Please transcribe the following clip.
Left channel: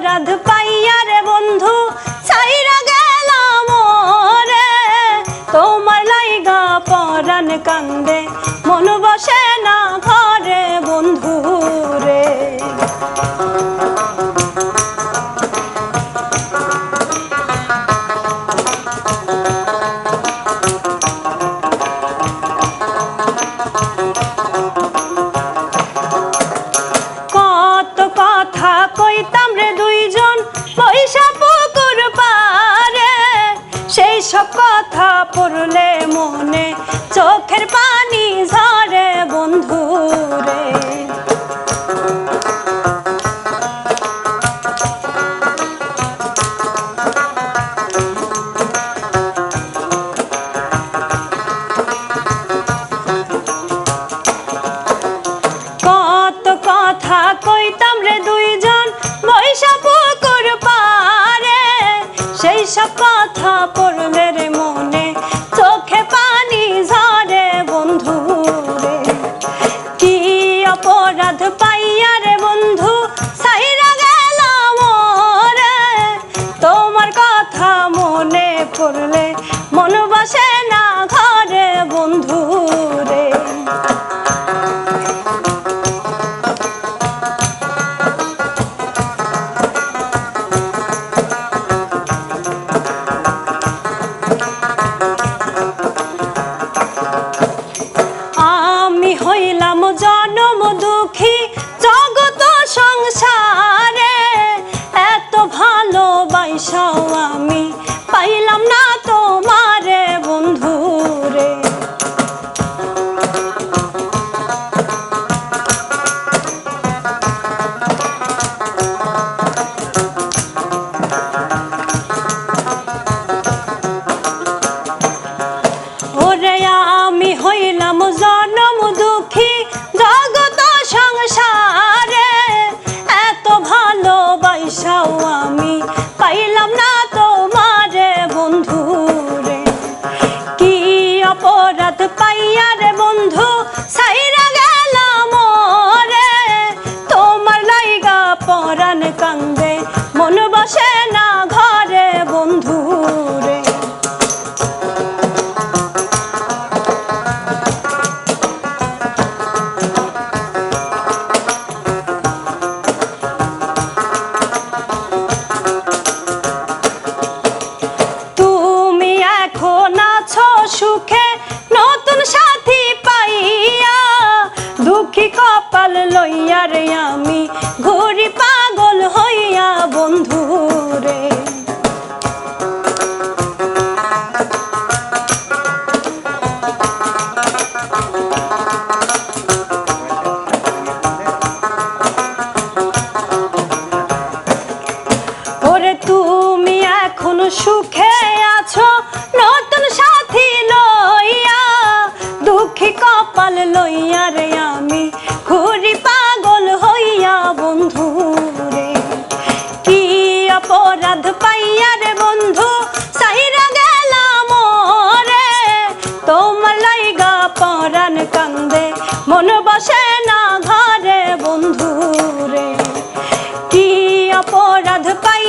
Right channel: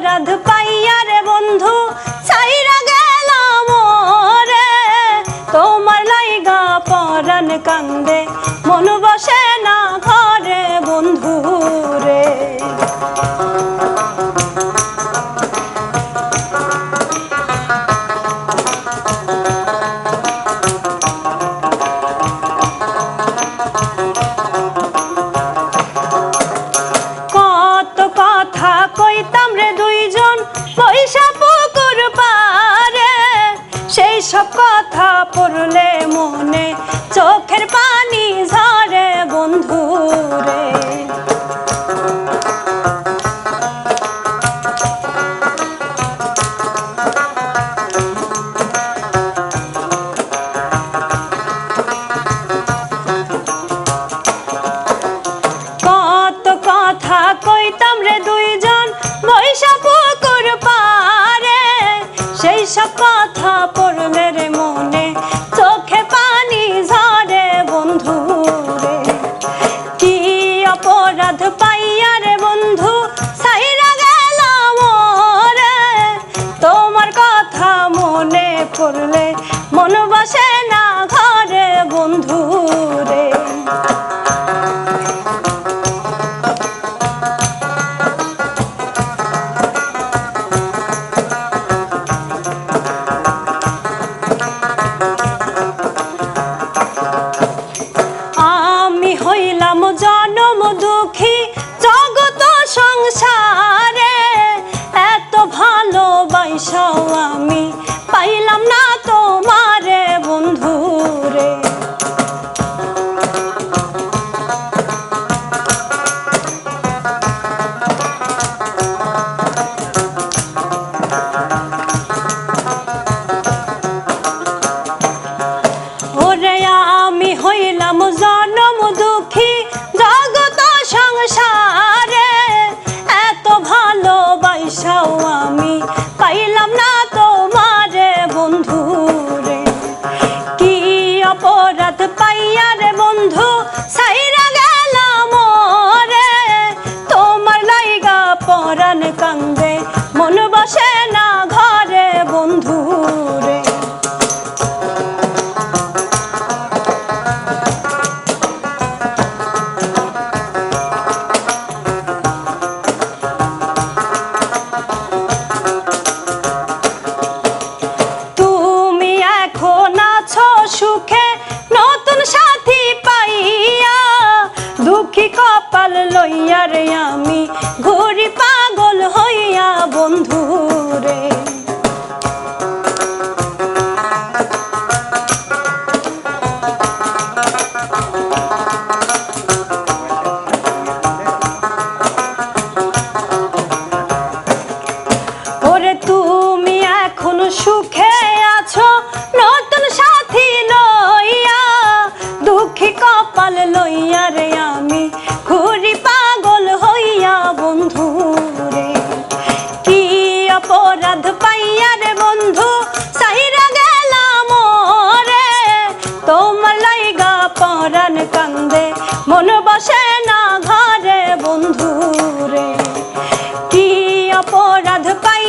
অপরাধ পাইয়া রে বন্ধু ছাইরা গেলাম রে, তোমার লাইগা পরাণ কান্দে মন বসে না ঘরে বন্ধু রে। কইতাম রে দুইজন পয়সা পুকুর পারে, সেই সব কথা পড়লে মনে চোখের পানি ঝরে বন্ধু রে। কত কথা কইতাম রে দুইজন পয়সা পুকুর পারে, সেই সব কথা পড়লে রে মনে চোখে পানি ঝরে বন্ধু রে। কি অপরাধ পাইয়া রে বন্ধু ছাইরা গেলাম রে, তোমার কথা মনে পড়লে মন বসে না ঘরে বন্ধু রে। হইলাম জনম দুঃখী জগত সংসারে, এত ভালোবাসাও আমি পাইলাম না তোমারে বন্ধু রে। ওরে আমি হইলাম জনম দুঃখী জগত সংসারে, এত ভালোবাসাও আমি পাইলাম না তোমারে বন্ধু রে। কি অপরাধ পাইয়া রে বন্ধু ছাইরা গেলাম রে, তোমার লাইগা পরাণ কান্দে মন বসে না ঘরে বন্ধু রে। সুখে নতুন সাথী পাইয়া, দুঃখী কপাল লইয়া রে আমি ঘুরি পাগল হইয়া বন্ধু রে। ওরে তুমি এখন সুখে আছো নতুন সাথী লইয়া, দুঃখী কপাল লইয়া রে আমি ঘুরি পাগল হইয়া বন্ধু রে। কি অপরাধ পাইয়া রে বন্ধু ছাইরা গেলাম রে, তোমার লাইগা পরাণ কান্দে মন বসে না ঘরে বন্ধু রে। কি অপরাধ পাই